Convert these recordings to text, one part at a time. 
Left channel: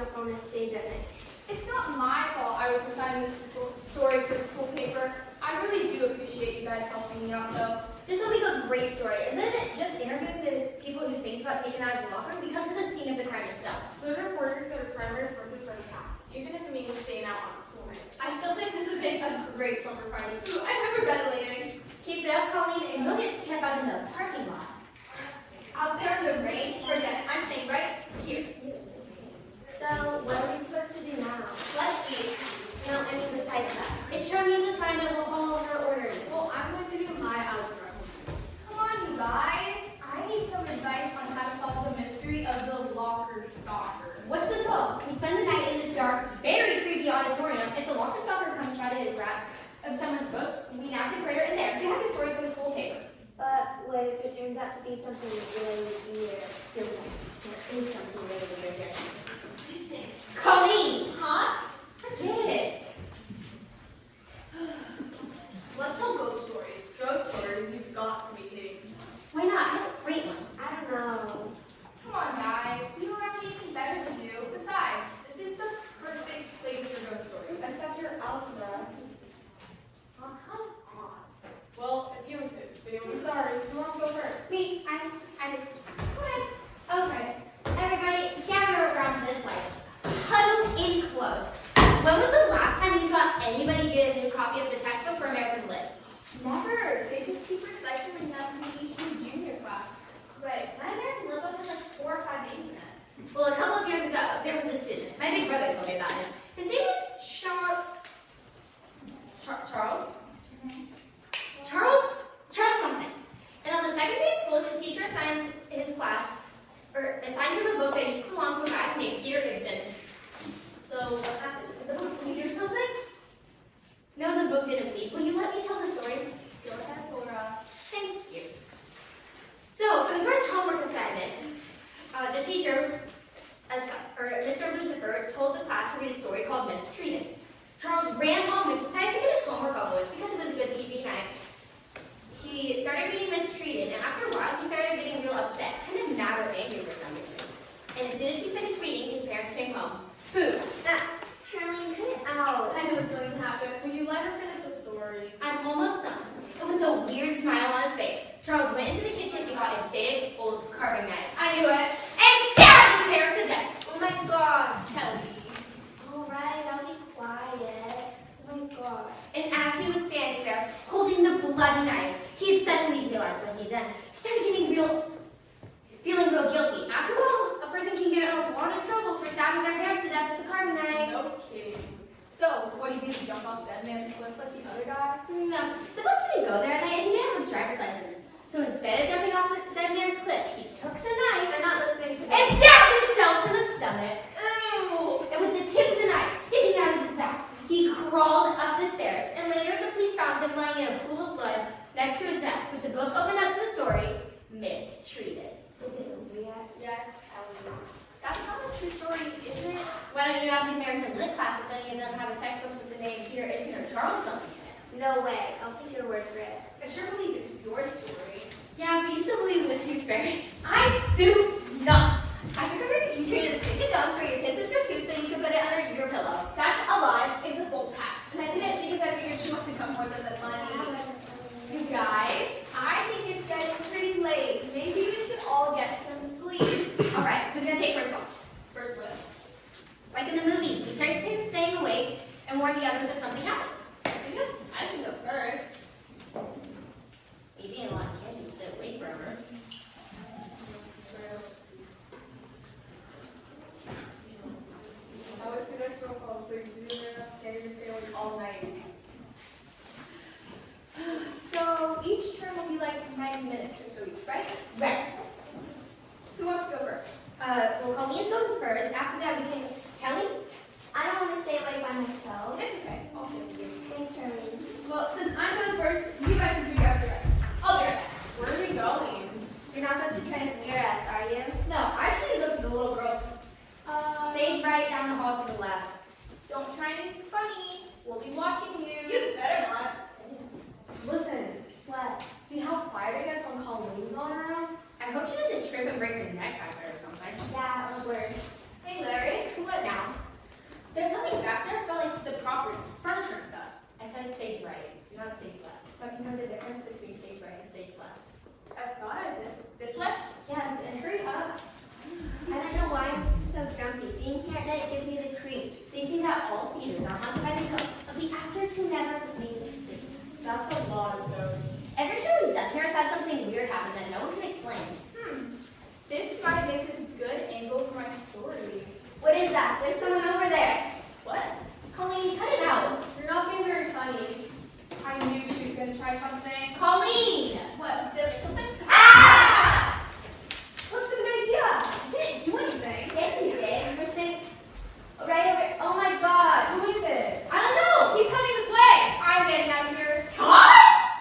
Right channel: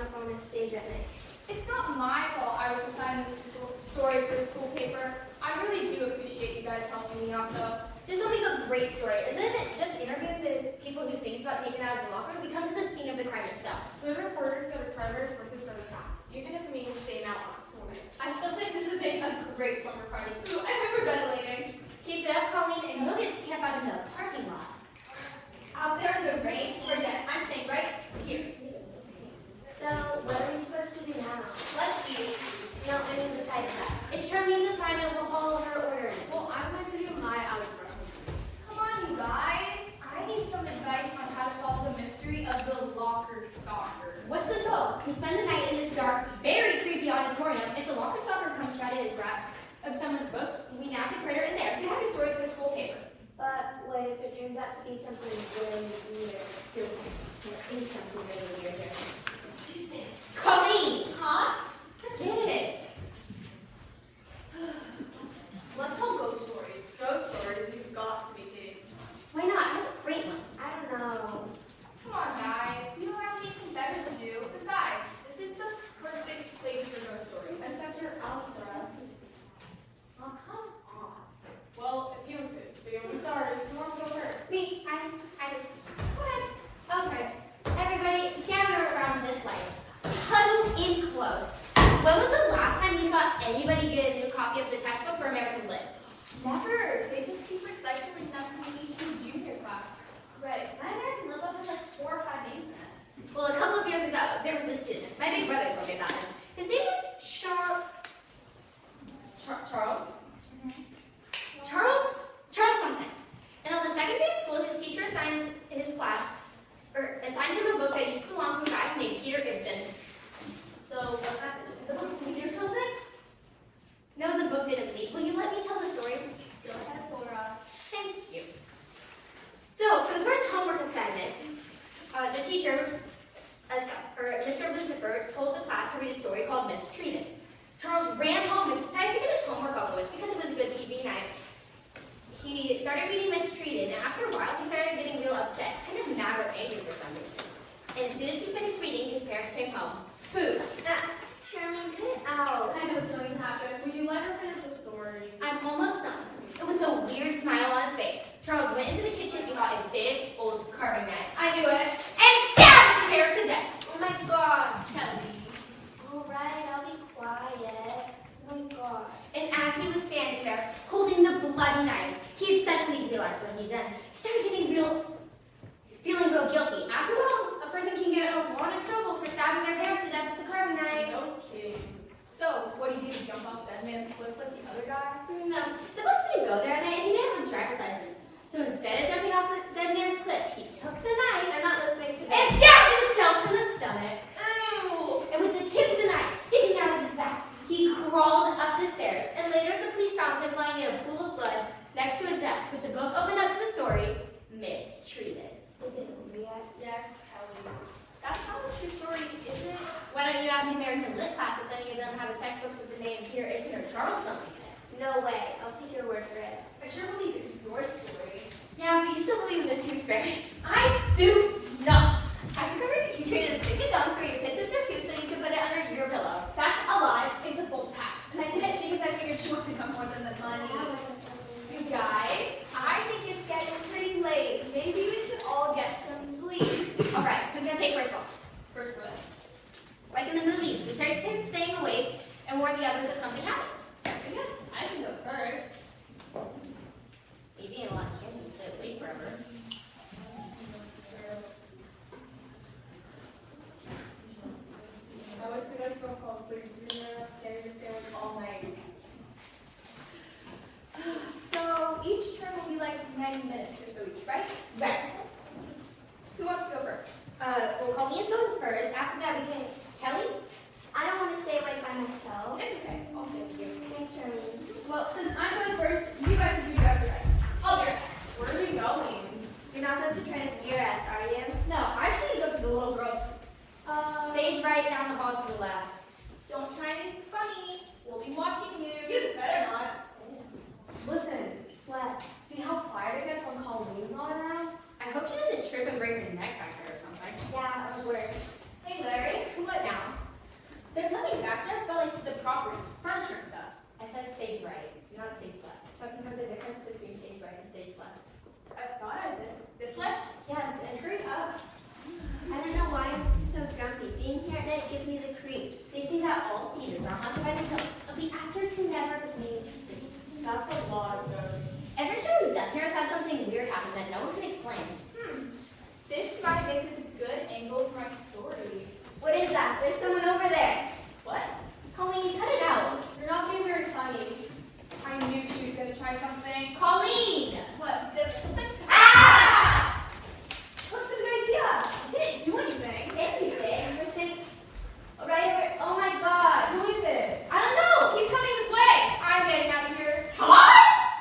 up on the stage at night. It's not my fault I was assigned this story for the school paper. I really do appreciate you guys helping me out, though. This will make a great story. Isn't it just interviewing the people whose things got taken out of the locker? We come to the scene of the crime itself. The reporters go to primary sources for the facts, even if it means staying out on school night. I still think this would make a great slumber party. Ooh, I'm hyperventilating. Keep it up, Colleen, and you'll get to camp out in the parking lot. Out there in the rain, forget I'm staying right here. So, what are we supposed to do now? Let's see. No, I mean besides that. It's Charlene's assignment. We'll follow her orders. Well, I'm going to do my algebra. Come on, you guys. I need some advice on how to solve the mystery of the locker stalker. What's the solve? We spend the night in this dark, very creepy auditorium. If the locker stalker comes by to his grab of someone's books, we nab the critter in there. We have the story for the school paper. But what if it turns out to be something really weird? There is something really weird there. What is it? Colleen! Huh? Forget it. Let's tell ghost stories. Ghost stories, you've got to be kidding. Why not? I have a great one. I don't know. Come on, guys. We don't have anything better to do. Besides, this is the perfect place for ghost stories. Except your algebra. Oh, come on. Well, if you insist, but I'm sorry. Who wants to go first? Me, I. Go ahead. Okay. Everybody, gather around this light. Huddle in close. When was the last time you saw anybody get a new copy of the textbook for American Lit? Never. They just keep recycling them to each new junior class. Right. My American Lit book is like 4 or 5 days in. Well, a couple of years ago, there was this student. My big brother told me about him. His name was Charles? Charles something. And on the second day of school, his teacher assigned him a book that used to belong to a guy named Peter Ibsen. So what happened? Did the book bleed or something? No, the book didn't bleed. Will you let me tell the story? Go ahead, Laura. Thank you. So for the first homework assignment, the teacher, Mr. Lucifer, told the class to read a story called Mistreated. Charles ran home and decided to get his homework over with because it was a good TV night. He started reading Mistreated, and after a while, he started getting real upset, kind of mad or angry for some reason. And as soon as he finished reading, his parents came home. Food. Charlene, cut it out. I know it's always happened. Would you let her finish the story? I'm almost done. And with a weird smile on his face, Charles went into the kitchen and got a big old carving knife. I knew it. And stabbed his parents to death. Oh my God, Kelly. Alright, I'll be quiet. Oh my god. And as he was standing there, holding the bloody knife, he had suddenly realized what he'd done. He started feeling real guilty. After all, a person can get in a lot of trouble for stabbing their parents to death with a carving knife. No kidding. So, what do you do? Jump off that man's cliff like the other guy? No, the bus didn't go there, and he didn't have a driver's license. So instead of jumping off that man's cliff, he took the knife They're not listening to and me. stabbed himself in the stomach. Ew! And with the tip of the knife sticking out of his back, he crawled up the stairs. And later, the police found him lying in a pool of blood next to his desk, with the book opened up to the story, Mistreated. Is it weird? Yes, Kelly. That's not a true story, is it? Why don't you ask the American Lit class if any of them have a textbook with the name Peter Ibsen or Charles something in it? No way. I'll take your word for it. I sure believe it's your story. Yeah, but you still believe in the tooth fairy. I do not. I remember you traded a stick of gum for your kid sister's tooth so you could put it under your pillow. That's a lie. It's a full pack. And I did it because I figured she wanted to come more than the money. You guys, I think it's getting pretty late. Maybe we should all get some sleep. All right, who's gonna take first watch? First what? Like in the movies, we take turns staying awake and warn the others if something happens. I guess I can go first. Maybe a lot of candy to wait forever. I always feel like phone calls, so you're sitting there, getting to stay awake all night. So each turn will be like 90 minutes or so each, right? Right. Who wants to go first? Well, Colleen's going first. After that, we can. Kelly? I don't want to stay awake by myself. It's okay. I'll stay with you. Thanks, Charlene. Well, since I'm going first, you guys can do the other rest. I'll be right back. Where are we going? You're not going to try to scare us, are you? No, I actually go to the little girls. Stage right down the hall to the left. Don't try anything funny. We'll be watching you. You better not. Listen, What? see how quiet it gets when Colleen's not around? I hope she doesn't trip and break her neck back there or something. Yeah, of course. Hey, Larry. What now? This way? Yes, and hurry up. I don't know why I'm so jumpy. Being here at night gives me the creeps. They say that all theaters are haunted by the ghosts of the actors who never made it. That's a lot of those. Every show we've done here has had something weird happen that no one can explain. This might make a good angle for my story. What is that? There's someone over there. What? Colleen, cut it out. You're not being very funny. I knew she was gonna try something. Colleen! What? There's something? Ah! What's the good idea? I didn't do anything. Yes, you did. You're saying, right over. Oh my God. Who is it? I don't know. He's coming this way. I'm getting out of here. Todd?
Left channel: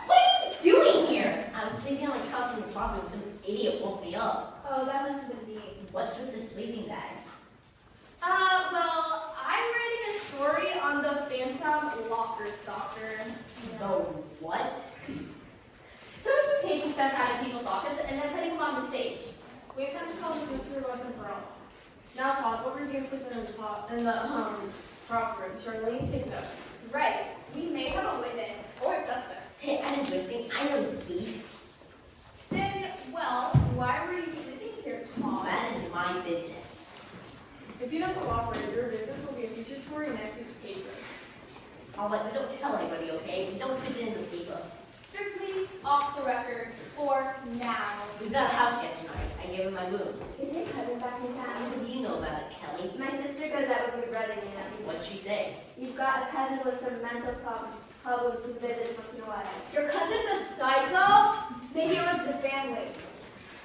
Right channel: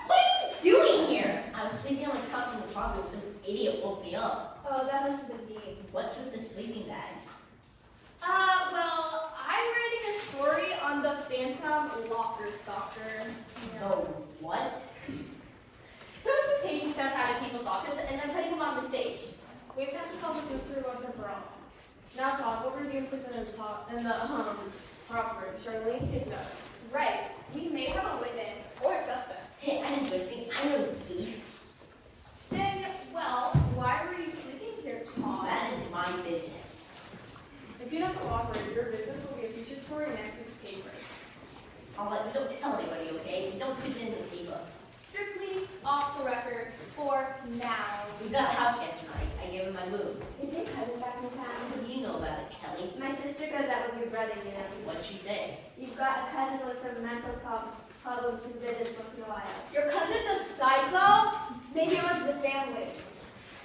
What are you doing here? I was sleeping on the couch in the lobby when some idiot woke me up. Oh, that must have been me. What's with the sleeping bags? Well, I'm writing a story on the Phantom Lockers Doctor. Go what? So it's been taking stuff out of people's lockers and then putting them on the stage. We have time to solve this mystery once and for all. Now, Todd, what were you going to sleep in the prop room? Charlene, take notes. Right. We may have a witness or a suspect. Hey, I didn't do anything. I know the thief. Then, well, why were you sleeping here, Todd? That is my business. If you don't cooperate, your business will be a featured story in next week's paper. All right, but don't tell anybody, okay? Don't put it in the paper. Strictly off the record for now. We've got a house guest tonight. I gave him my room. Is your cousin back in town? What do you know about it, Kelly? My sister goes out with your brother, Nina. What'd she say? You've got a cousin with some mental problems who visits once in a while. Your cousin's a psycho? Maybe it was the family.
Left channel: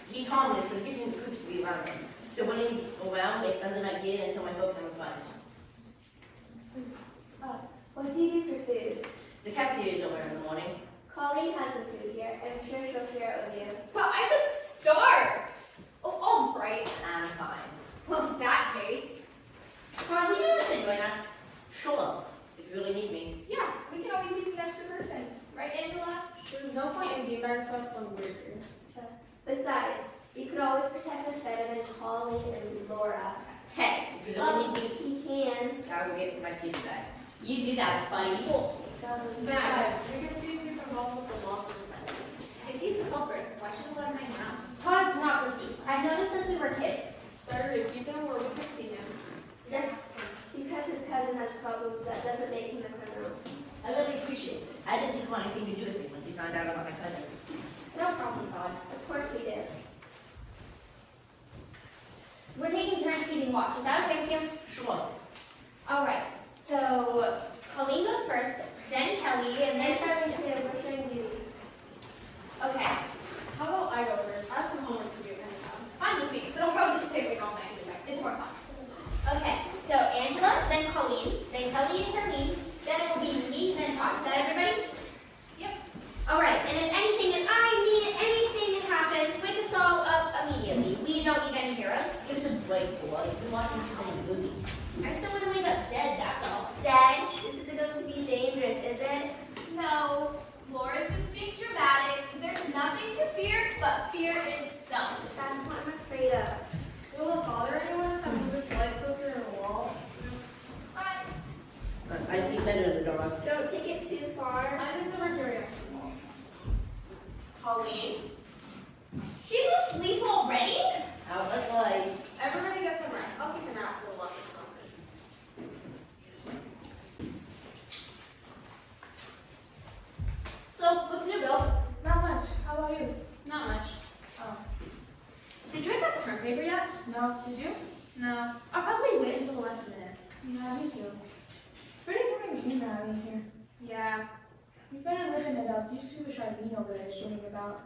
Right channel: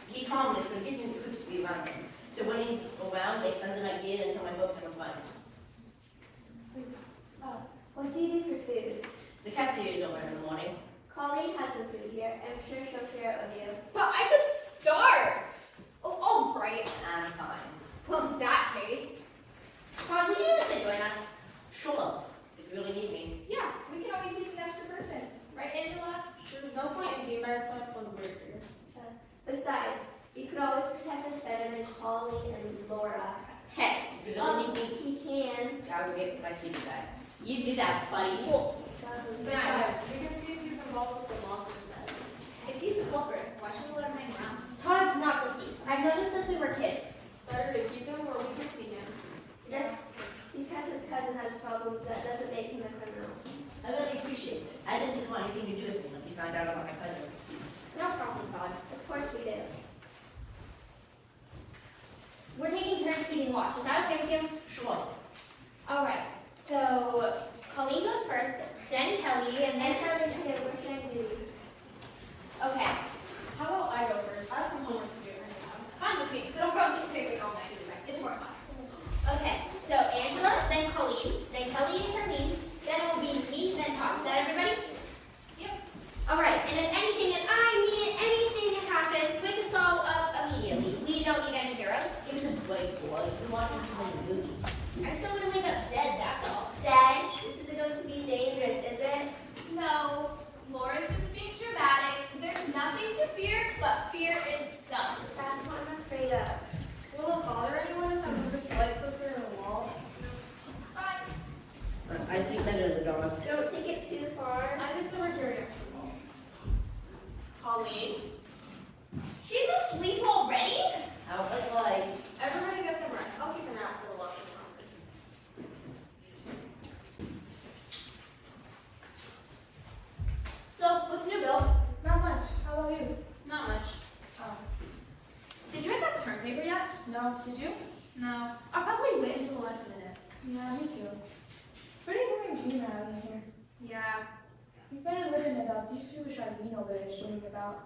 He's harmless, but gives him troops to be around him. So when he's around, they spend the night here until my folks have funds. What do you do for food? The cafeteria's open in the morning. Colleen has some food here. I'm sure she'll share it with you. But I could starve. Oh, all right. I'm fine. Well, in that case. Todd, will you live and join us? Sure, if you really need me. Yeah, we can always use an extra person. Right, Angela? There's no point in being by yourself when we're here. Besides, you could always protect us better than Colleen and Laura. Hey, if you really need me, He can. I will get my sleeping bag. You do that, buddy. Besides, we can see if he's involved with the loss of the bed. If he's the culprit, why should we let him hang out? Todd's not the thief. I've noticed since we were kids. It's better to keep him where we can see him. That's because his cousin has problems, that doesn't make him a criminal. I really appreciate this. I didn't want anything to do with it once you found out about my cousin. No problem, Todd. Of course we did. We're taking turns keeping watch. Is that okay with you? Sure. All right. So, Colleen goes first, then Kelly, and then And Charlie too, we're sharing duties. Okay. How about I go first? I have some homework to do anyhow. Fine with me, but I'll probably just stay awake all night. It's more fun. Okay, so Angela, then Colleen, then Kelly and Charlene, then it will be me, then Todd. Is that everybody? Yep. Alright, and if anything that happens, wake us all up immediately. We don't need any heroes. Give us a break, boy. You've been watching too many movies. I just don't want to wake up dead, that's all. Dad, this isn't going to be dangerous, is it? No, Laura's just being dramatic. There's nothing to fear but fear itself. That's what I'm afraid of. Will it bother anyone if I put this light poster in the wall? I sleep better in the dark. Don't take it too far. I just over here next to the wall. Colleen? She's asleep already? How much light? Everybody get some rest. I'll keep an eye out for the light or something. So, what's new, Bill? Not much. How about you? Not much. Oh. Did you write that term paper yet? No. Did you? No. I'll probably wait until the last minute. Yeah, me too. Pretty boring dream around here. Yeah. You better living it up. You see what Charlene over there is dreaming about.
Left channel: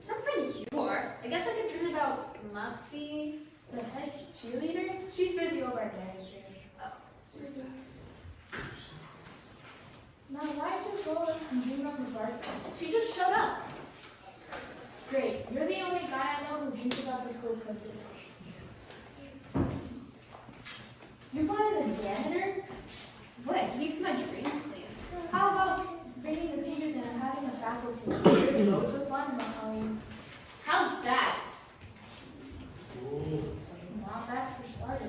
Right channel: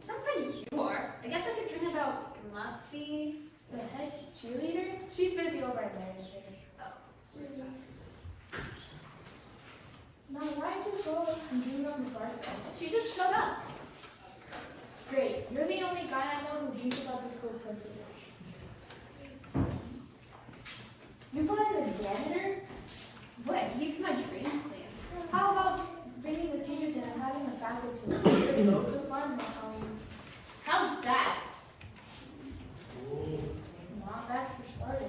Some friend you are. I guess I could dream about Muffy. The head cheerleader? She's busy over at dentistry. Now, why did you go away from dreaming of Miss Larson? She just showed up. Great. You're the only guy I know who dreams about the school principal. You find the janitor? What? He keeps my dreams clean. How about bringing the teachers in and having a faculty? There's loads of fun, Colleen. How's that? Not bad for starters.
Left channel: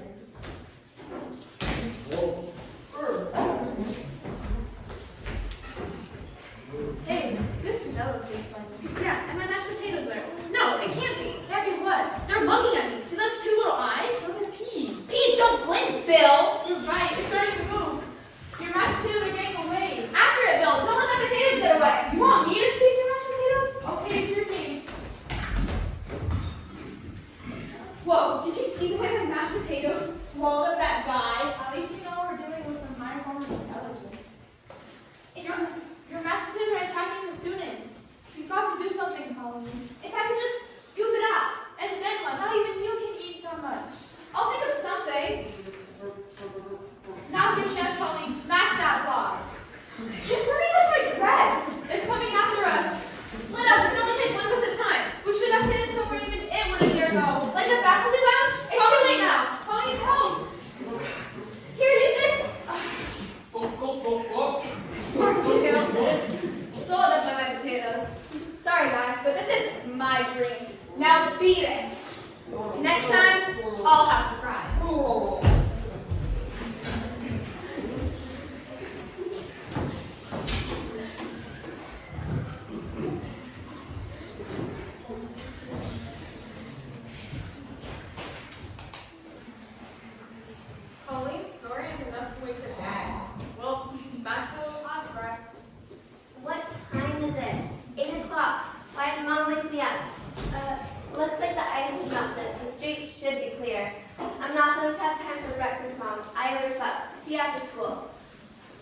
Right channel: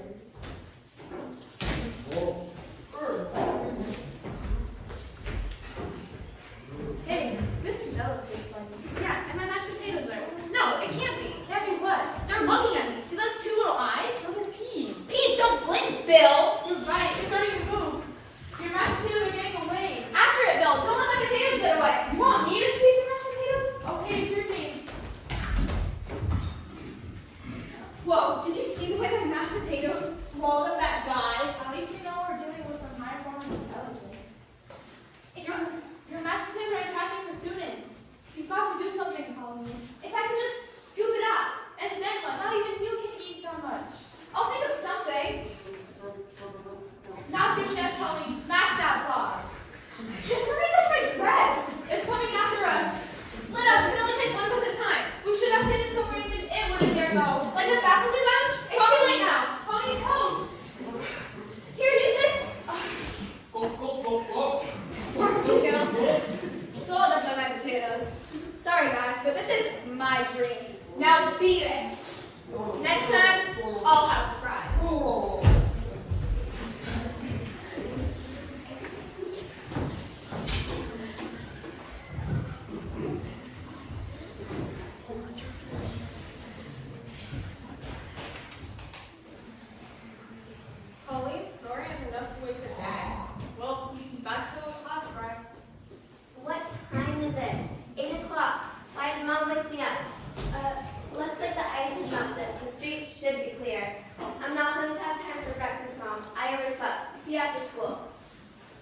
Hey, this jello tastes funny. Yeah, and my mashed potatoes are. No, it can't be. Bill. You're right, it's starting to move. Your mashed potatoes are getting away. After it, Bill. Don't let my potatoes get away. You want me to chase your mashed potatoes? Okay, it's your game. Whoa, did you see the way my mashed potatoes swallowed up that guy? At least you know we're dealing with some high form of intelligence. Your mashed potatoes are attacking the students. You've got to do something, Colleen. If I could just scoop it out. And then what? Not even you can eat that much. I'll think of something. Now's your chance, Colleen. Mash that block. Just let me touch my breath. It's coming after us. Split up. We can only chase one of us at a time. We should have hit it somewhere even it wouldn't dare go. Like the faculty lounge? It's too late now. Colleen, help! Here, use this. Poor Bill. Swallowed up by my potatoes. Sorry, guy, but this is my dream. Now beat it. Next time, I'll have the fries. Colleen's snoring is enough to wake the dad. Well, back to the class, right? What time is it? 8 o'clock. Why did Mom wake me up? Looks like the ice is melted. The streets should be clear. I'm not going to have time for breakfast, Mom. I overslept. See you after school.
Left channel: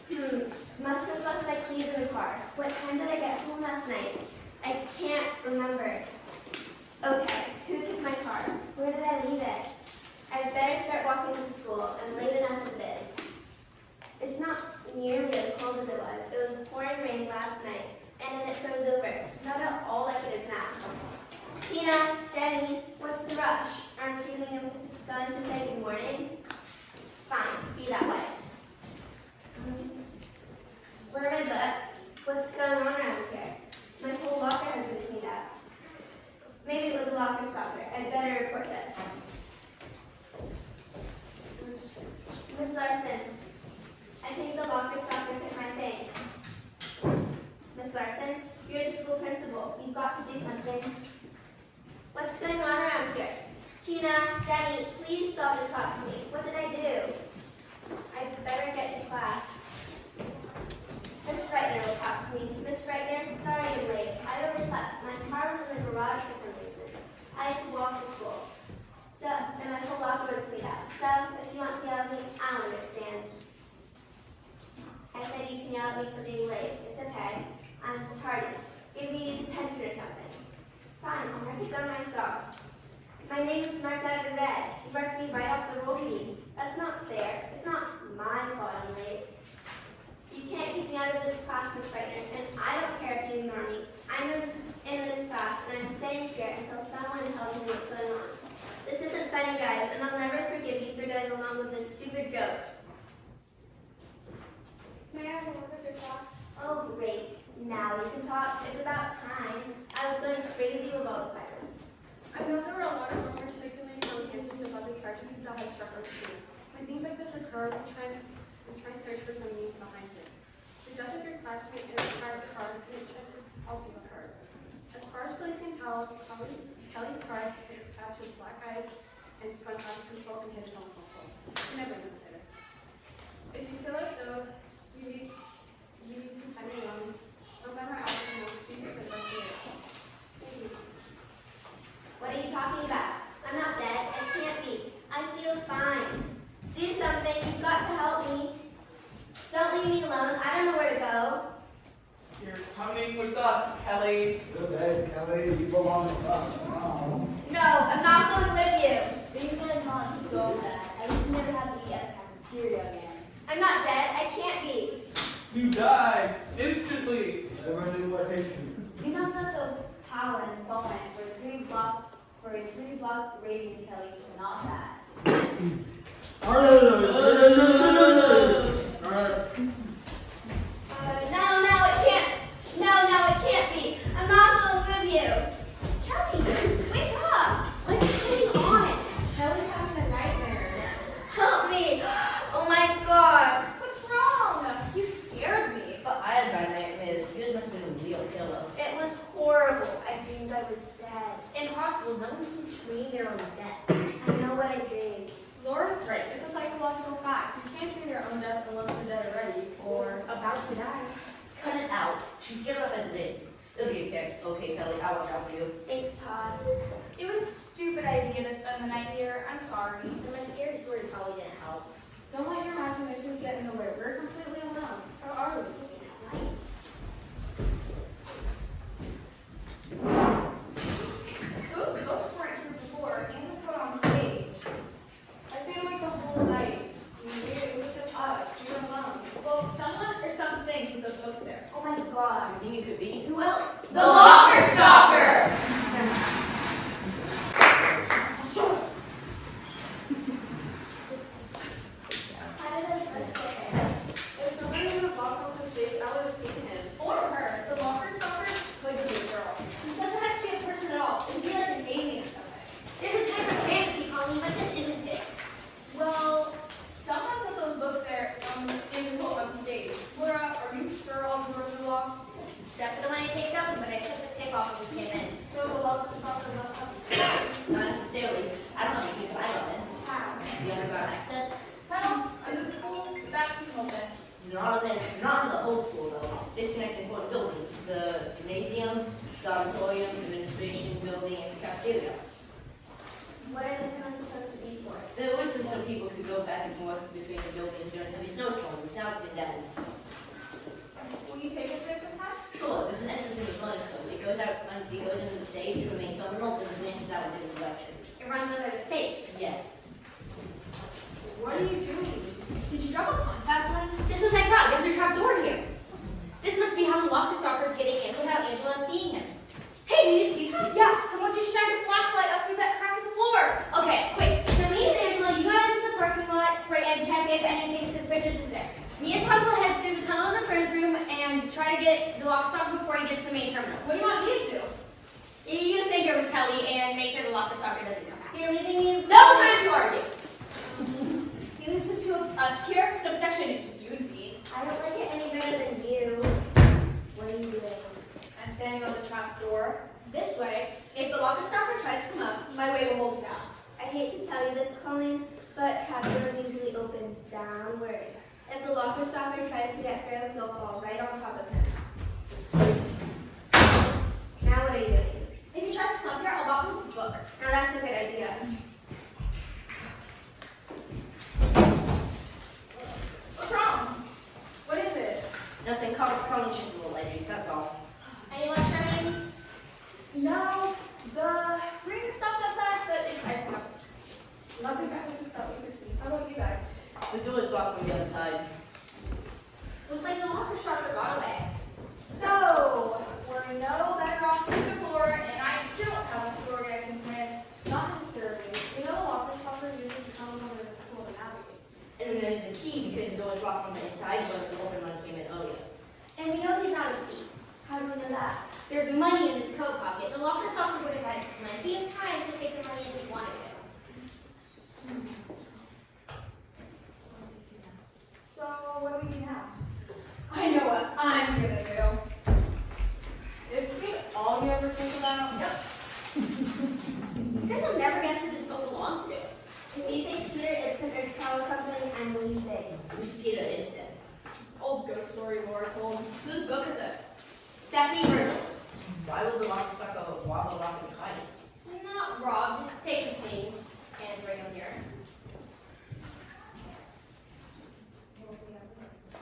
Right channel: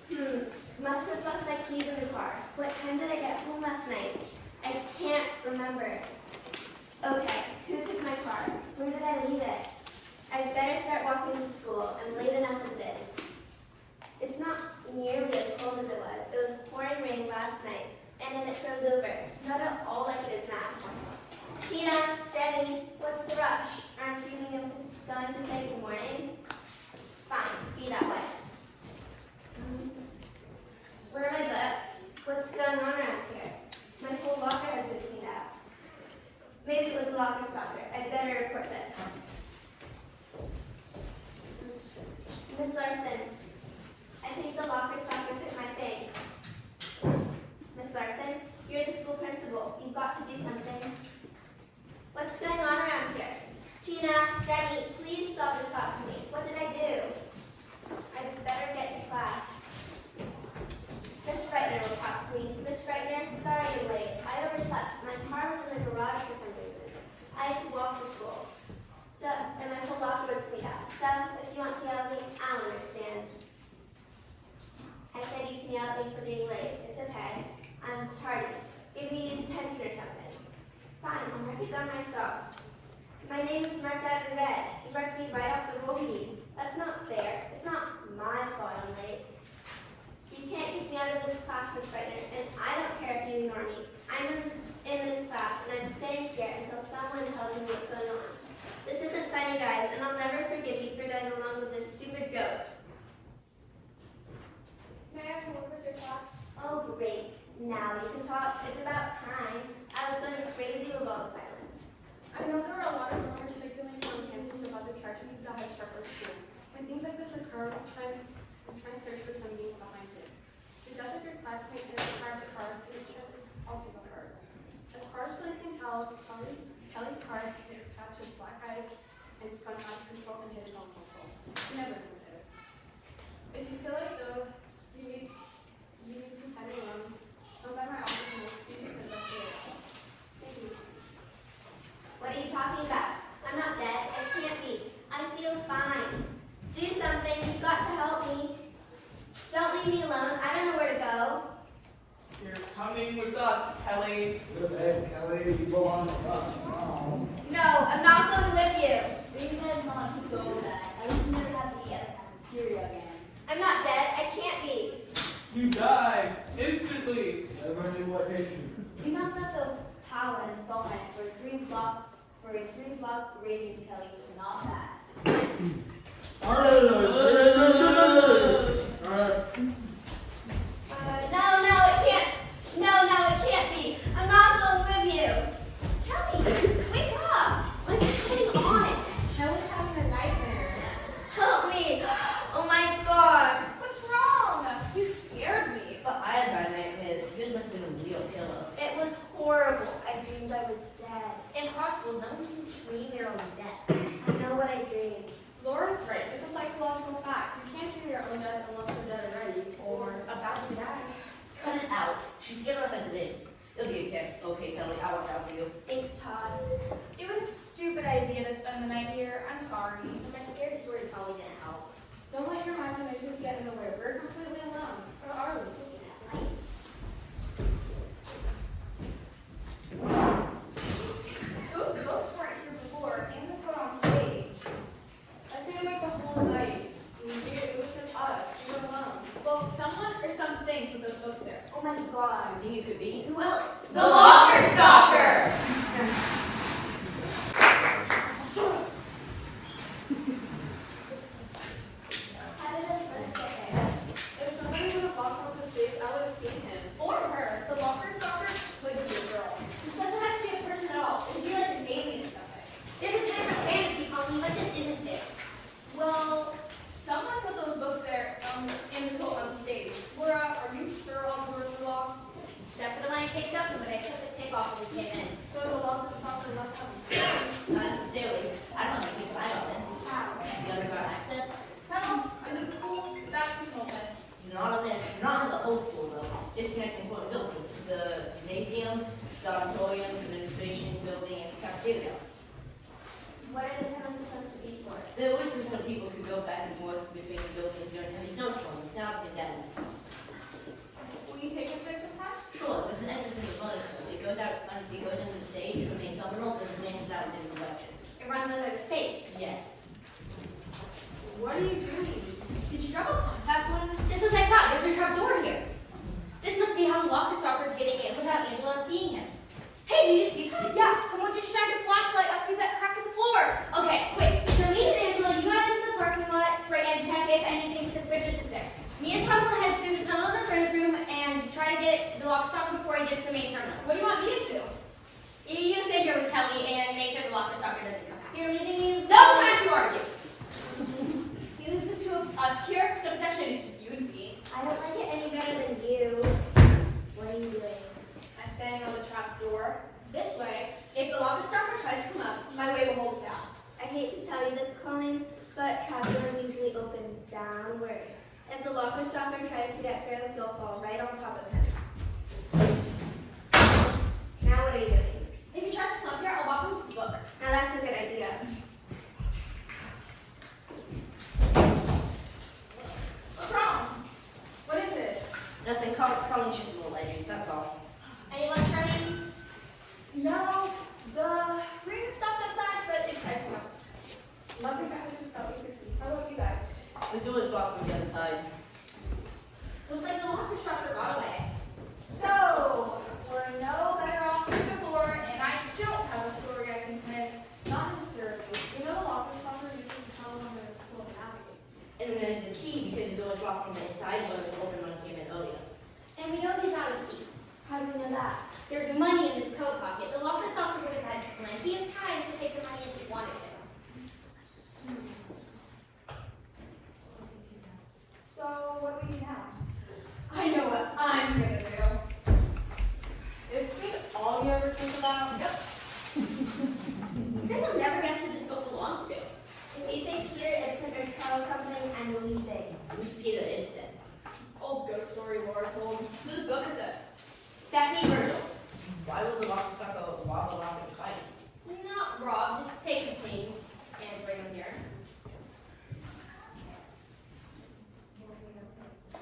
Must have left my keys in the car. What time did I get home last night? I can't remember. Okay, who took my car? Where did I leave it? I better start walking to school. I'm late enough as it is. It's not nearly as cold as it was. It was pouring rain last night, and then it froze over. Not at all like it is now. Tina, Daddy, what's the rush? Aren't you going to say good morning? Fine, be that way. Where are my books? What's going on around here? My whole locker has been cleaned up. Maybe it was a locker stalker. I'd better report this. Miss Larson, I think the locker stalker took my things. Miss Larson, you're the school principal. You've got to do something. What's going on around here? Tina, Jenny, please stop and talk to me. What did I do? I'd better get to class. Miss Freitner will talk to me. Miss Freitner, sorry I'm late. I overslept. My car was in the garage for some reason. I had to walk to school. So, and my whole locker was cleaned up. So, if you want to yell at me, I'll understand. I said you can yell at me for being late. It's okay. I'm tardy. Give me detention or something. Fine, I'll mark it down myself. My name is marked out in red. You marked me right off the roll sheet. That's not fair. It's not my fault I'm late. You can't kick me out of this class, Miss Freitner, and I don't care if you ignore me. I'm in this class, and I'm staying here until someone tells me what's going on. This isn't funny, guys, and I'll never forgive you for going along with this stupid joke. May I have a look at your class? Oh, great. Now you can talk. It's about time. I was going crazy with all the silence. I know there were a lot of rumors circulating on campus about the tragedy that has struck our school. When things like this occur, we try and search for some meaning behind it. The death of your classmate and the car of the car accident strikes us all to the heart. As far as police can tell, Kelly's car catches black eyes and spun out of control and hit his own control. You never knew better. If you feel like though you need some time alone, I'll grab my office and no excuses for the rest of the day. Thank you. What are you talking about? I'm not dead. I can't be. I feel fine. Do something. You've got to help me. Don't leave me alone. I don't know where to go. You're coming with us, Kelly. Good day, Kelly. You go on the front. Come on. No, I'm not going with you. You guys not so bad. I used to never have to be at a cafeteria again. I'm not dead. I can't be. You die instantly. Never knew what hit you. You knocked out the power and phone line for a 3-block radius, Kelly. Not bad. No, it can't be. I'm not going with you. Kelly, wake up! What's going on? Kelly's having a nightmare. Help me. Oh my God. What's wrong? You scared me. But I had my nightmares. Yours must have been a real killer. It was horrible. I dreamed I was dead. Impossible. No one can dream their own death. I know what I dreamed. Laura's right. It's a psychological I'll watch out for you. Thanks, Todd. It was a stupid idea to spend the night here. I'm sorry. And my scary story probably didn't help. Don't let your imaginations get in the way. We're completely alone. Or are we thinking that light? Those books weren't here before and were put on stage. I stayed awake the whole night. It was just us. We were alone. Well, someone or something put those books there. Oh my god. I think it could be. Who else? The Locker Stalker! How did this friend get there? If somebody would have walked off the stage, I would have seen him. Or her. The locker stalker could be a girl. It doesn't have to be a person at all. It would be like an alien or something. There's a time for fantasy, Colleen, but this isn't it. Well, someone put those books there in the quote on stage. Laura, are you sure all the doors are locked? Except for the one I picked up and when I took the tape off when we came in. So the locker stalker must have Not necessarily. I don't have to keep an eye on it. How? The underground access? Tunnels under the school? That's just an open. Not on the whole school though. Disconnected from buildings. The gymnasium, the auditorium, the administration building, and the cafeteria. What are the tunnels supposed to be for? There would be some people could go back and forth between the buildings during heavy snowstorms. Now it's been dead. Will you take us there sometime? Sure, there's an entrance in the front of the school. It goes out, it goes into the stage from the main terminal, and it branches out into the directions. It runs under the stage. Yes. What are you doing? Did you drop a contact lens? Just as I thought, there's a trap door here. This must be how the locker stalker's getting in without Angela seeing him. Hey, did you see that? Yeah, someone just shined a flashlight up through that crack in the floor. Okay, quick. Charlene and Angela, you guys into the parking lot and check if anything suspicious is there. Me and Tom will head through the tunnel in the friend's room and try to get the locker stalker before he gets to the main terminal. What do you want me to do? You stay here with Kelly and make sure the locker stalker doesn't come back. You're leaving me? No time to argue. You listen to us here? Some protection you'd be. I don't like it any better than you. What are you doing? I'm standing on the trap door. This way. If the locker stalker tries to come up, my way will hold it down. I hate to tell you this, Colleen, but trap doors usually open downwards. If the locker stalker tries to get through, you'll fall right on top of him. Now what are you doing? If he tries to come here, I'll lock him with this book. Now that's a good idea. What's wrong? What is it? Nothing, Colleen's just a little edgy, that's all. Anyone, Charlene? No, the ring stopped outside, but it's inside stuff. Nothing happened to stuff you can see. How about you guys? The door is locked from the other side. Looks like the locker stalker got away. So, we're no better off than before, and I don't have a story I can print. Not necessarily. You know the locker stalker uses the tunnel under the school to navigate. And there's the key because the door is locked from the inside when it was open when it came in earlier. And we know he's out of key. How do we know that? There's money in his coat pocket. The locker stalker would have had plenty of time to take the money if he wanted to. So, what do we do now? I know what I'm gonna do. Is it all you ever think about? Yep. You guys will never guess who this book belongs to. If you say Peter Ibsen or Charles something, I'm leaving. Who's Peter Ibsen? Old ghost story Laura told. Whose book is it? Stephanie Virgil's. Why would the locker stalker rob a locker twice? Not rob, just take the things and bring them here.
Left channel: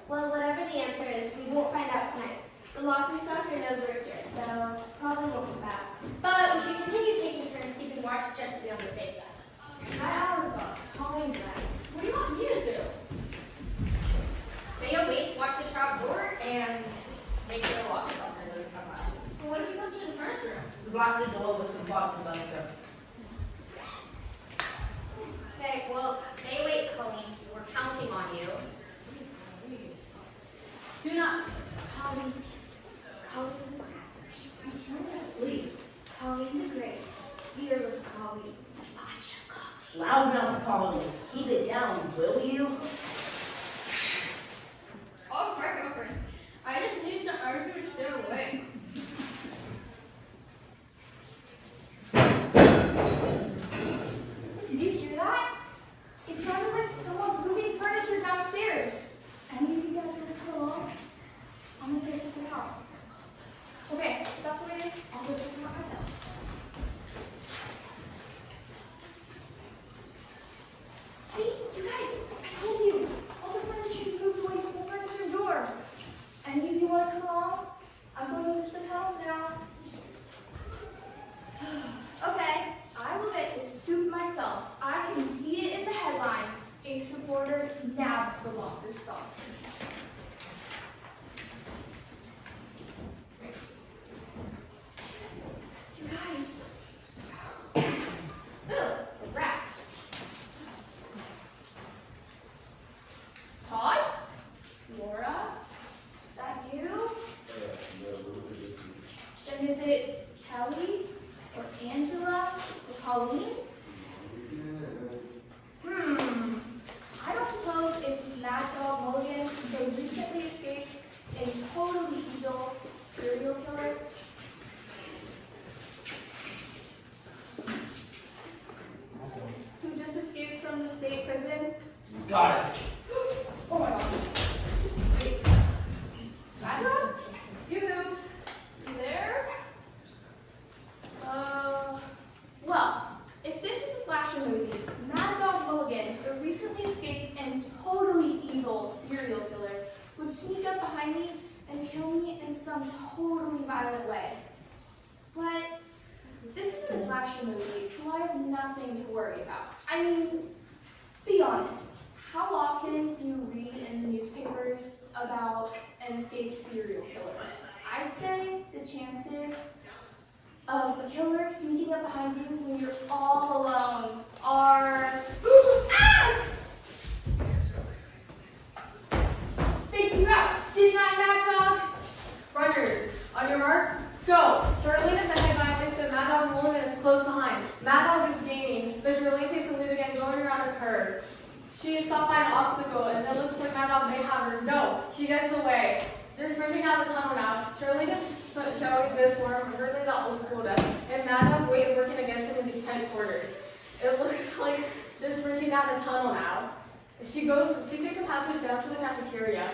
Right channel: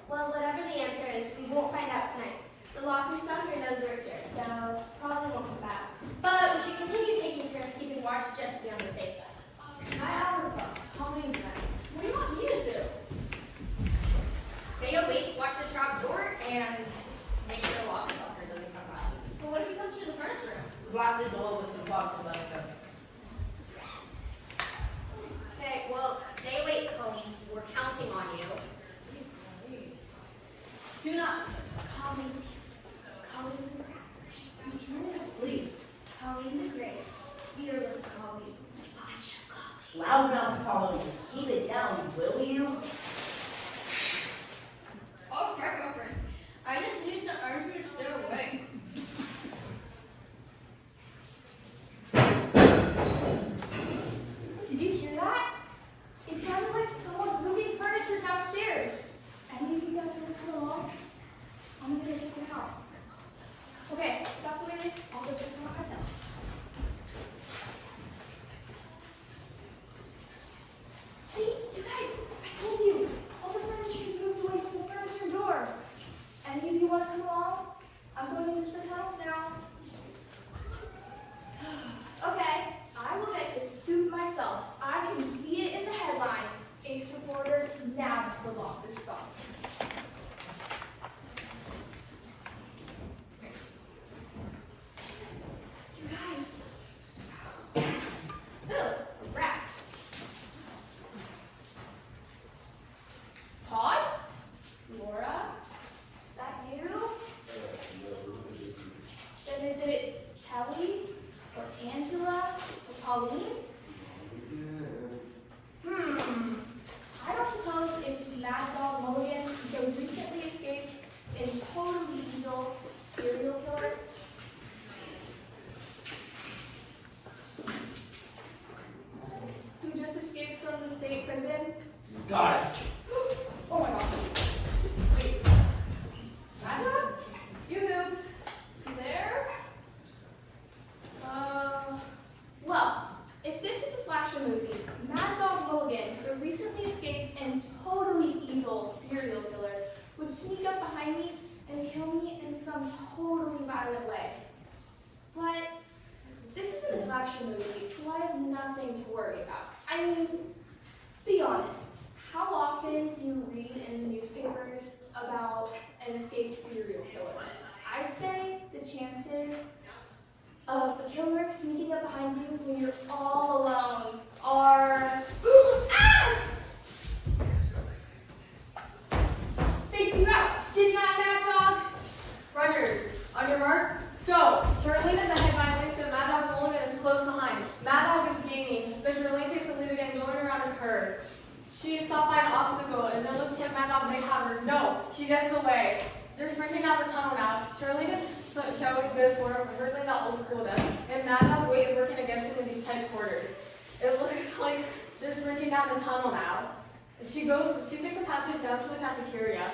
Well, whatever the answer is, we won't find out tonight. The locker stalker knows we're here, so probably won't come back. But we should continue taking turns keeping watch just to be on the safe side. My hours up. Colleen's right. What do you want me to do? Stay awake, watch the trap door, and make sure the locker stalker doesn't come out. But what if he comes through the furnace room? Lock the door with some blocks about it. Okay, well, stay awake, Colleen. We're counting on you. Do not. Colleen the Great. Colleen the Great. Fearless Colleen. Loudmouth Colleen, keep it down, will you? Oh, my girlfriend. I just need some arms to stay away. Did you hear that? It sounded like someone's moving furniture downstairs. Any of you guys want to come along? I'm gonna go check it out. Okay, if that's what it is, I'll go check them out myself. ask the locker stopper. You guys. Ooh, a rat. Todd? Laura? Is that you? Then is it Kelly? Or Angela? Or Colleen? I don't suppose it's Mad Dog Mulligan, the recently escaped and totally evil serial killer? Who just escaped from the state prison? Got it. Oh my god. Wait. Mad Dog? You there? Well, if this was a slasher movie, Mad Dog Mulligan, the recently escaped and totally evil serial killer, would sneak up behind me and kill me in some totally violent way. But this isn't a slasher movie, so I have nothing to worry about. I mean, be honest, how often do you read in the newspapers about an escaped serial killer? I'd say the chances of a killer sneaking up behind you when you're all alone are... Ah! Fake you out, didn't I, Mad Dog? Runners, on your mark, go! Charlene is ahead by with the Mad Dog Mulligan is close behind. Mad Dog is gaining, but Charlene takes the lead again, going around a curve. She is stopped by an obstacle, and it looks like Mad Dog may have her. No, she gets away. They're sprinting out the tunnel now. Charlene is showing good form, reverting the old school death, and Mad Dog's weight is working against him in these tight quarters. It looks like they're sprinting down the tunnel now. She takes a passage down to the cafeteria,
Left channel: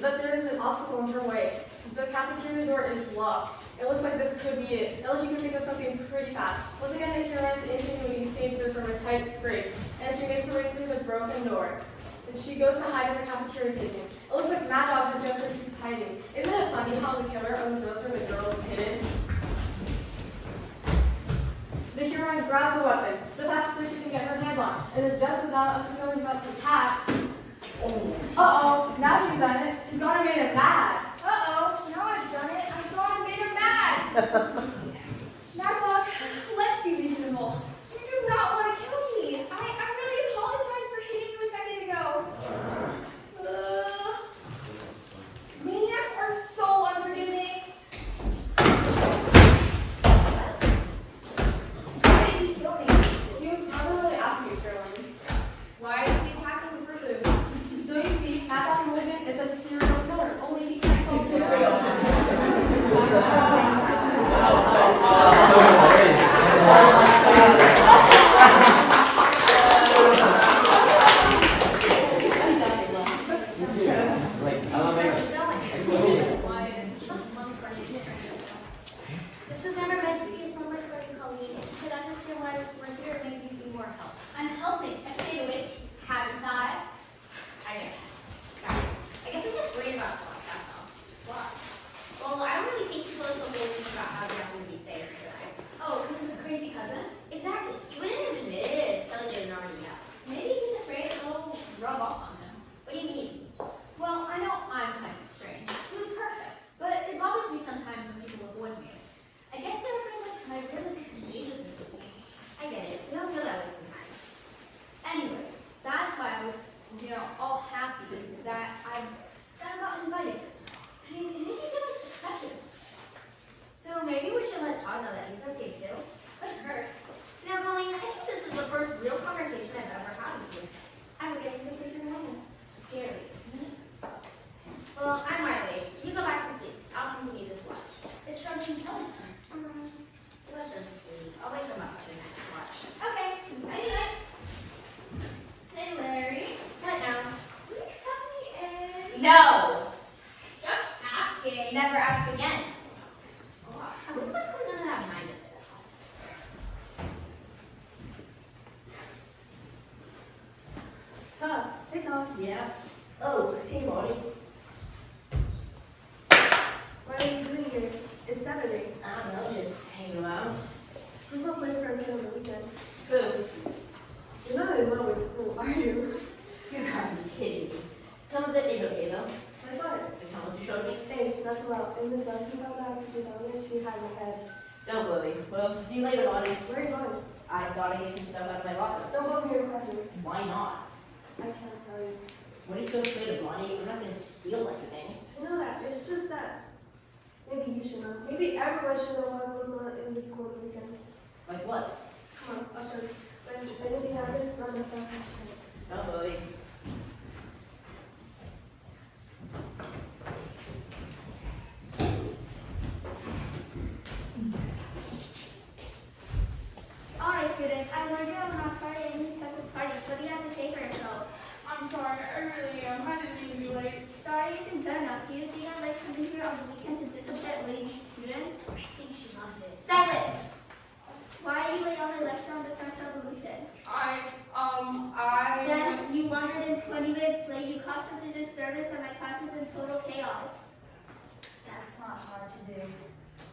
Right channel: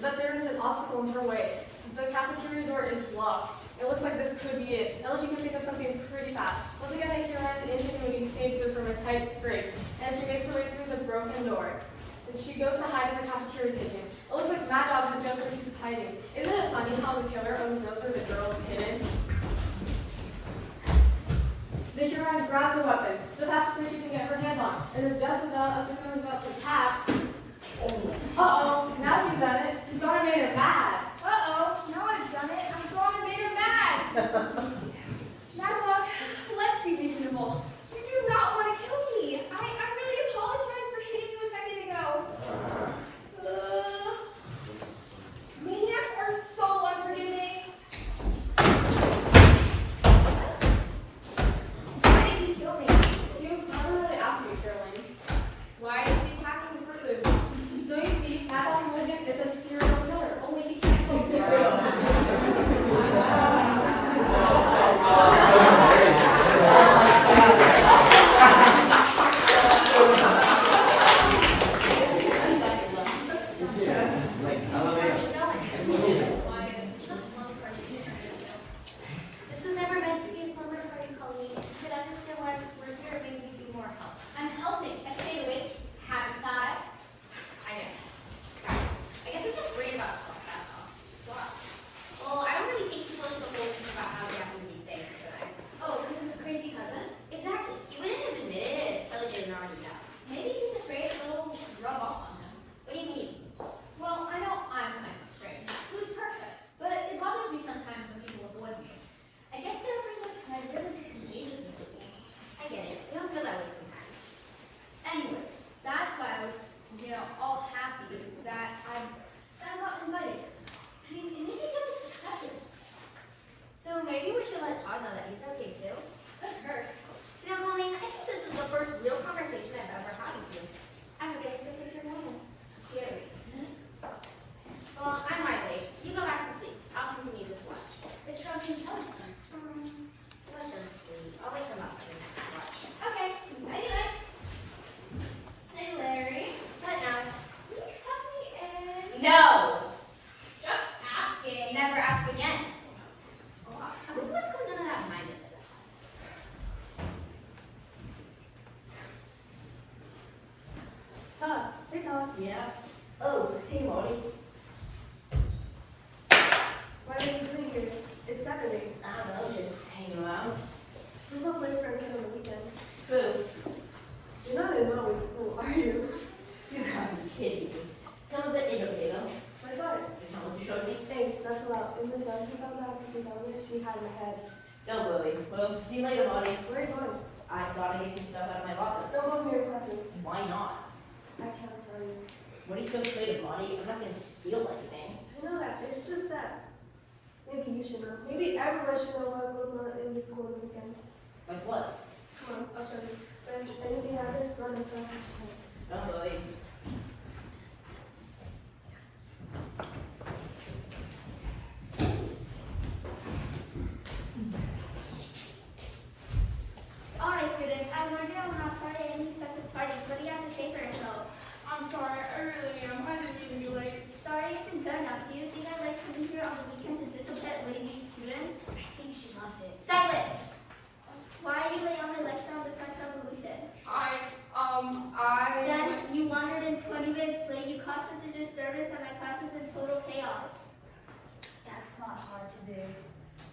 but there is an obstacle in her way. The cafeteria door is locked. It looks like this could be it. Unless you can think of something pretty fast. Once again, the heroine's ingenuity saves her from a tight scrape, and she makes her way through the broken door. And she goes to hide in the cafeteria kitchen. It looks like Mad Dog has just where she's hiding. Isn't it funny how the killer always knows where the girl is hidden? The heroine grabs a weapon, the fastest thing she can get her hands on, and is just about as the killer's about to attack. Uh-oh, now she's done it. She's gone and made her mad. Uh-oh, now I've done it. I'm gone and made him mad. Mad Dog, let's be reasonable. You do not want to kill me. I really apologize for hitting you a second ago. Maniacs are so unforgiving. Why did you kill me? He was probably really after you, Caroline. Why is he attacking the Fruit Loops? Don't you see, Mad Dog Mulligan is a serial killer, only he can't kill cereal. This was never meant to be a slumber party, Colleen. If you could understand why we're here, maybe you'd be more help. I'm helping. I stayed awake. Haven't I? I know. Sorry. I guess I'm just worried about stuff, that's all. Why? Well, I don't really think you told us the whole week about how you're going to be safe tonight. Oh, because of his crazy cousin? Exactly. We didn't admit it. Felt like they didn't already know. Maybe he's afraid a little rub off on him. What do you mean? Well, I know I'm kind of strange. Who's perfect? But it bothers me sometimes when people avoid me. I guess they're afraid like my weirdness is contagious or something. I get it. We all feel that way sometimes. Anyways, that's why I was, all happy that I'm not invited. I mean, it made me feel like accepted. So maybe we should let Todd know that he's okay too. But sure. Colleen, I think this is the first real conversation I've ever had with you. I'm getting to put your name. Scary, isn't it? Well, I'm Riley. You go back to sleep. I'll continue this watch. It's from Intelligence. Let them sleep. I'll wake them up for the next watch. Okay. Night-night. Say, Larry. What now? Will you tell me if... No! Just asking. Never ask again. Oh, I wonder what's going on in that mind of this. Todd. Hey, Todd. Yeah. Oh, hey, Molly. What are you doing here? It's Saturday. I don't know, just hanging around. Who's my boyfriend on the weekend? True. You're not in love with school, are you? You me down there, she had my head. Don't worry. Well, see you later, Lonnie. Where are you going? I gotta get some stuff out of my locker. Don't go near your cousins. Why not? I can't tell you. What are you so afraid of, Lonnie? I'm not gonna steal anything. I know that. It's just that maybe you should know. Maybe everyone should know what goes on in the school on the weekends. Like what? Come on, I'll show you. When anything happens, run the stuff. Don't worry. Alright, students, I have no idea I'm not part of any sets of parties. What do you have to say for yourself? I'm sorry, I really am. I didn't even be late. Sorry isn't good enough. Do you think I'd like coming here on the weekend to discipline lazy students? I think she loves it. Silence! Why are you late on my lecture on the French Revolution? Then you wandered in 20 minutes late. You caused such a disturbance and my class is in total chaos. That's not hard to do.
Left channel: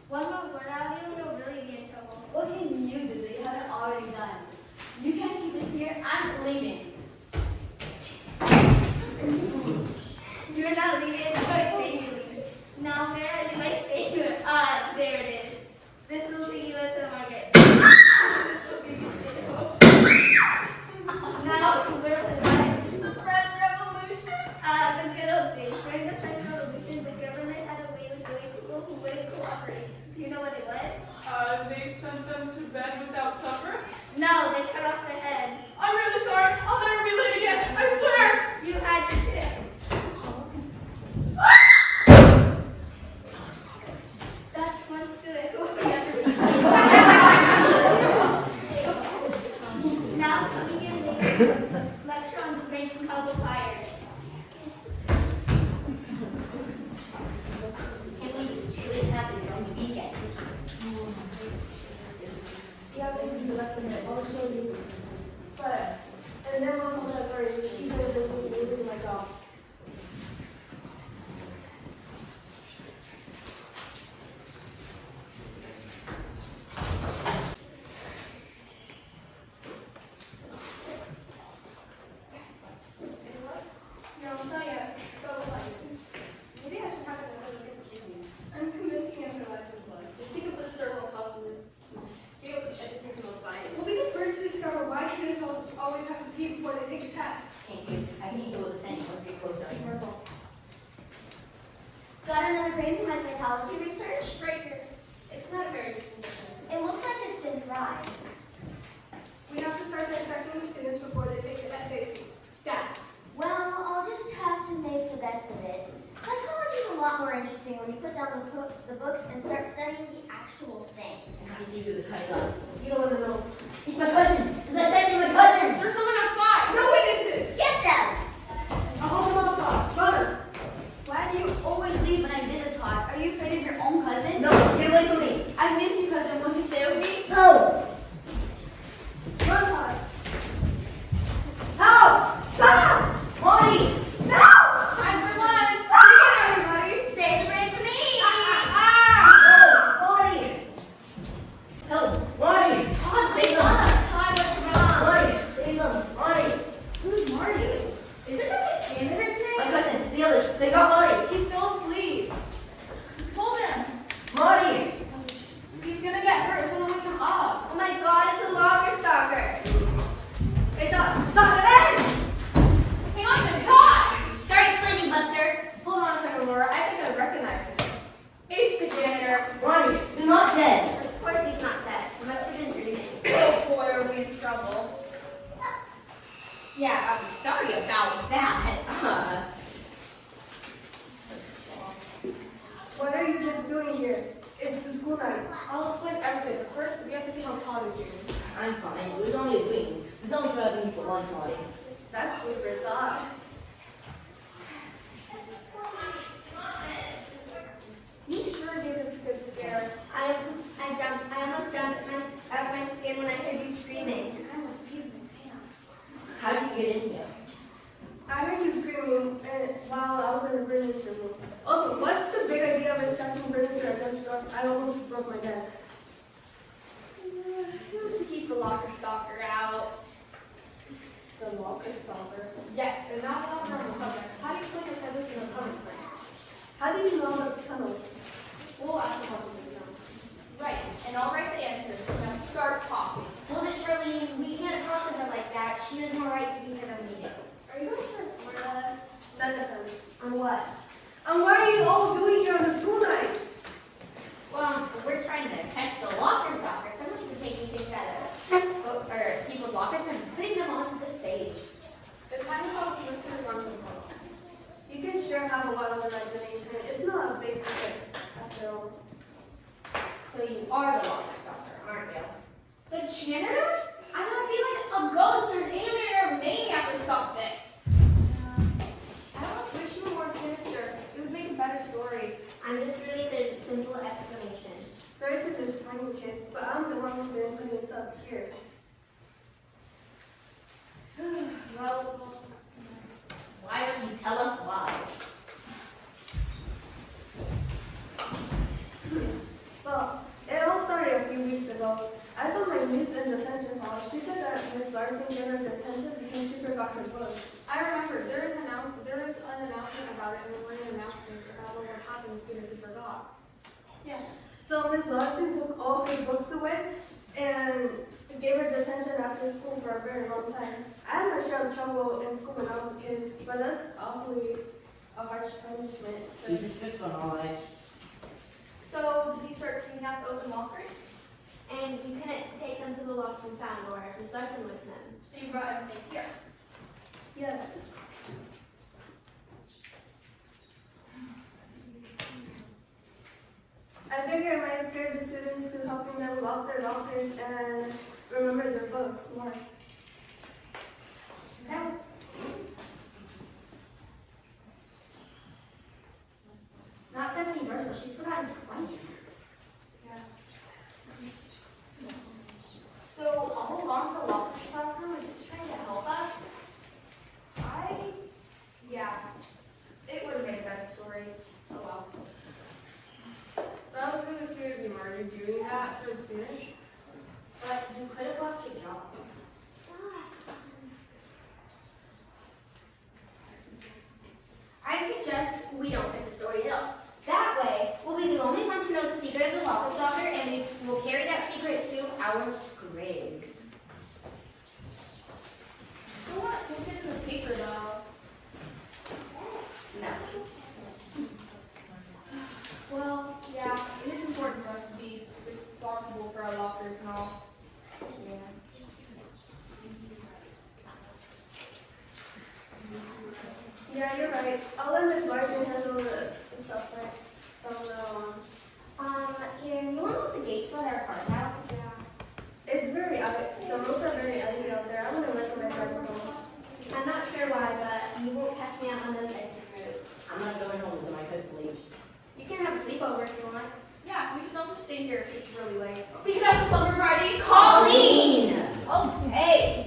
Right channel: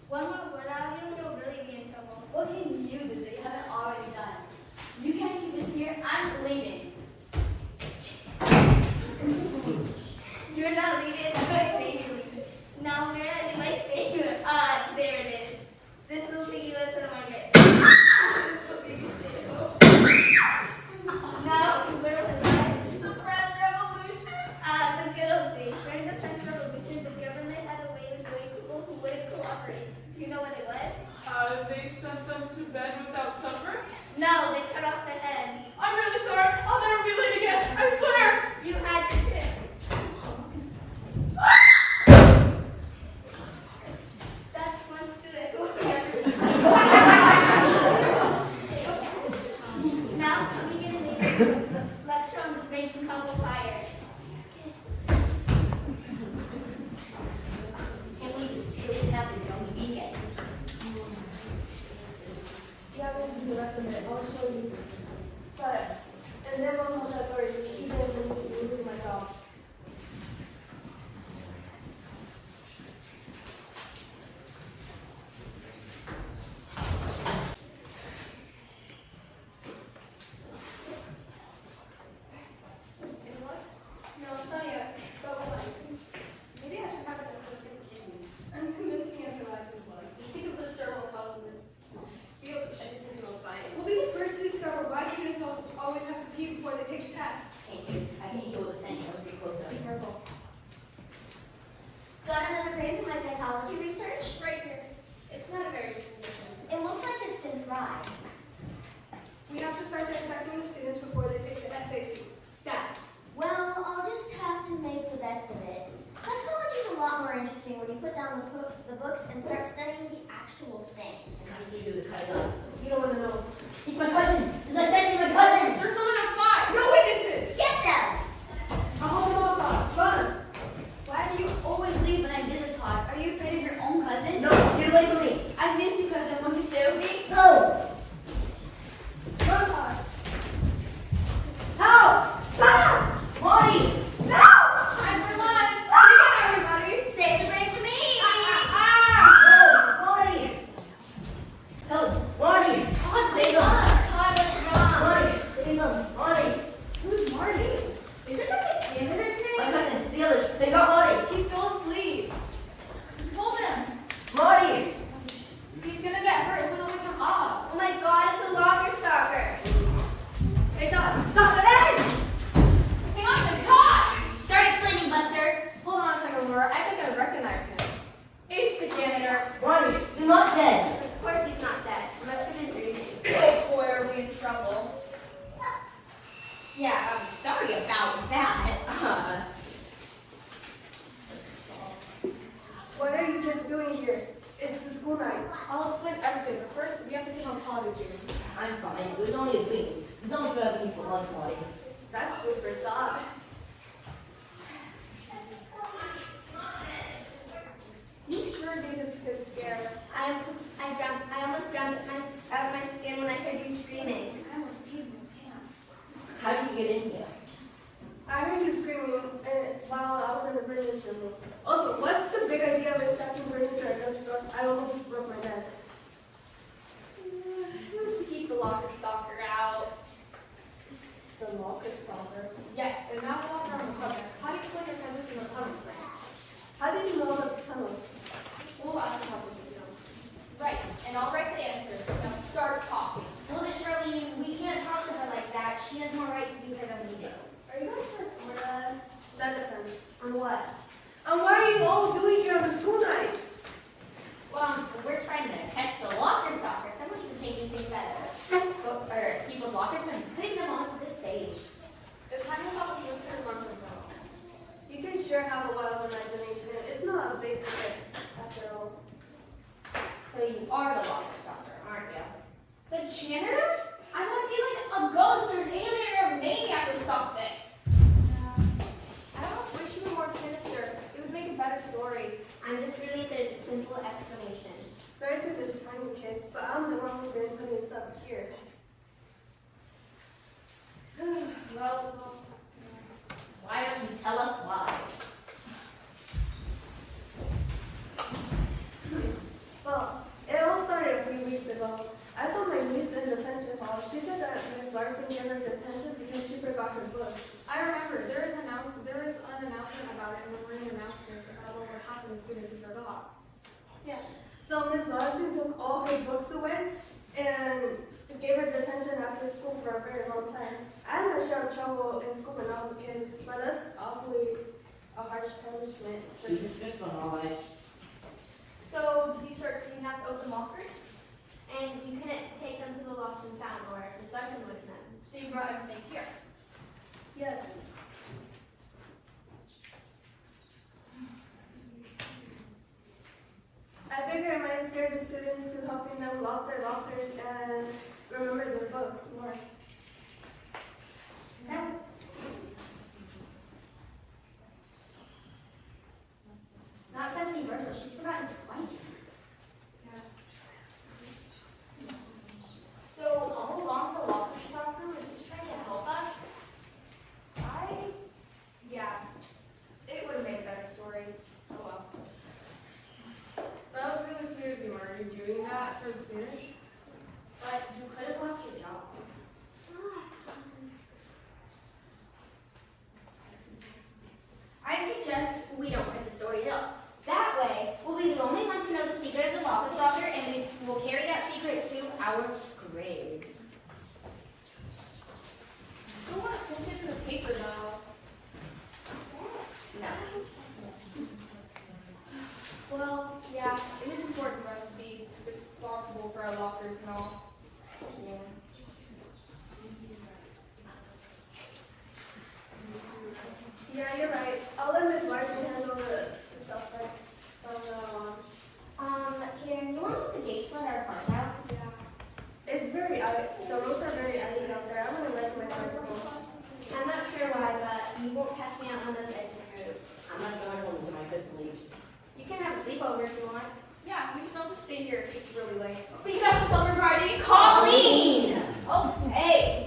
One more word out of you and you'll really be in trouble. What can you do that you haven't already done? You can't keep us here. I'm leaving. You're not leaving, I'm staying here. Now, where is my statement? There it is. This will take you into the market. This will be sustainable. Now, where was I? The French Revolution. The good old days. During the French Revolution, the government had a way of doing people who wouldn't cooperate. Do you know what it was? They sent them to bed without supper. No, they cut off their head. I'm really sorry. I'll never be late again. I swear. You had your chance. That's one student who would never be. Now coming in later, lecture on the French couple fire. Can't believe this really happens on the weekends. Yeah, this is the rest of it. I'll show you. But, and then we'll hold that first. Even if it's losing my dog. No, not yet. But like, maybe I should have it as like a kidneys. I'm convincing him to license blood. Just think of the cerebral palsy. Speak of educational science. We'll be the first to discover why students always have to pee before they take a test. Thank you. I think you were saying. Let's get close up. Got another grade for my psychology research? Right here. It's not a very good condition. It looks like it's been fried. We have to start dissecting the students before they take their SATs. Stat. Well, I'll just have to make the best of it. Psychology is a lot more interesting when you put down the books and start studying the actual thing. And I see who the cut it off. You don't want to know. It's my cousin. As I said, you're my cousin. There's someone outside. No witnesses. Get them! I'll hold them off. Run! Why do you always leave when I visit Todd? Are you afraid of your own cousin? No, get away from me. I miss you, cousin. Won't you stay with me? No. Run, Todd. Help! Stop! Lonnie! No! Time for lunch. See you, everybody. Save the break for me! No! Lonnie! Help! Lonnie! Todd, Leave wake him! up. Todd, what's wrong? Lonnie! Leave him! Lonnie! Who's Marty? Isn't that the janitor My today? cousin, the others, they got Lonnie! He's still asleep. Hold him. Lonnie! He's gonna get hurt if we don't wake him up. Oh my god, it's a logger stalker! Hey, stop it! Hang on to Todd. Start explaining, Buster. Hold on a second, Laura. I think I recognize him. It's the janitor. Lonnie, he's not dead. Of course he's not dead. He must have been dreaming. Oh boy, are we in trouble. Yeah, I'm sorry about that. What are you kids doing here? It's the school night. I'll explain everything, but first we have to see how Todd is doing. I'm fine. It was only a dream. It's only for having me for lunch, Lonnie. That's good for thought. You sure gave us a good scare. I almost jumped out of my skin when I heard you screaming. I almost peed in my pants. How did you get in here? I heard you screaming while I was in the furniture room. Also, what's the big idea of inspecting furniture? I almost broke my neck. It was to keep the locker stalker out. The locker stalker. Yes, and now that we're on the subject, how do you explain your transition of tunnels then? How did you know about the tunnels? We'll ask the help of the exam. Right, and I'll write the answers. Now start talking. Well, then, Charlene, we can't talk to her like that. She has more right to be here than we do. Are you going to support us? That depends. On what? And what are you all doing here on the school night? Well, we're trying to catch the locker stalker. Someone's been taking things out of people's lockers and putting them onto the stage. It's kind of how Mr. wants to go. You can sure have a lot of imagination. It's not a big secret after all. So you are the locker stalker, aren't you? The janitor? I thought he'd be like a ghost or an alien or a maniac or something. I almost wish you were more sinister. It would make a better story. I'm just really, there's a simple explanation. Sorry to disappoint you kids, but I'm the one who's been putting stuff here. Well, why don't you tell us why? Well, it all started a few weeks ago. I saw my niece in the detention hall. She said that Miss Larson gave her detention because she forgot her books. I remember there was an announcement about it in the morning announcements about what happened to students who forgot. Yeah. So Miss Larson took all her books away and gave her detention after school for a very long time. I had my share of trouble in school when I was a kid, but that's awfully a harsh punishment. You just skip one all right. So, did you start cleaning out the open lockers? And you couldn't take them to the lost and found, or Miss Larson would them. So you brought everything here. Yes. I figured I might scare the students to helping them lock their lockers and remember their books more. Not Stephanie Virgil, she's forgotten twice. So all along the locker stalker was just trying to help us? Yeah. It would have made a better story. Oh well. That was really sweet of you, Mark. You're doing that for the students. But you could have lost your job. I suggest we don't put the story at all. That way, we'll be the only ones who know the secret of the locker stalker, and we will carry that secret to our graves. Still want to put it in the paper though. No. Well, yeah, it is important for us to be responsible for our lockers and all. Yeah. Yeah, you're right. I'll let Miss Larson handle the stuff from now on. Karen, you want to let the gates let our cars out? Yeah. It's very icy. The roads are very icy out there. I wouldn't recommend it. I'm not sure why, but you won't catch me out on those icy roads. I'm not going home until my cousin leaves. You can have a sleepover if you want. Yeah, we should not just stay here if it's really late. We can have a slumber party. Colleen! Okay.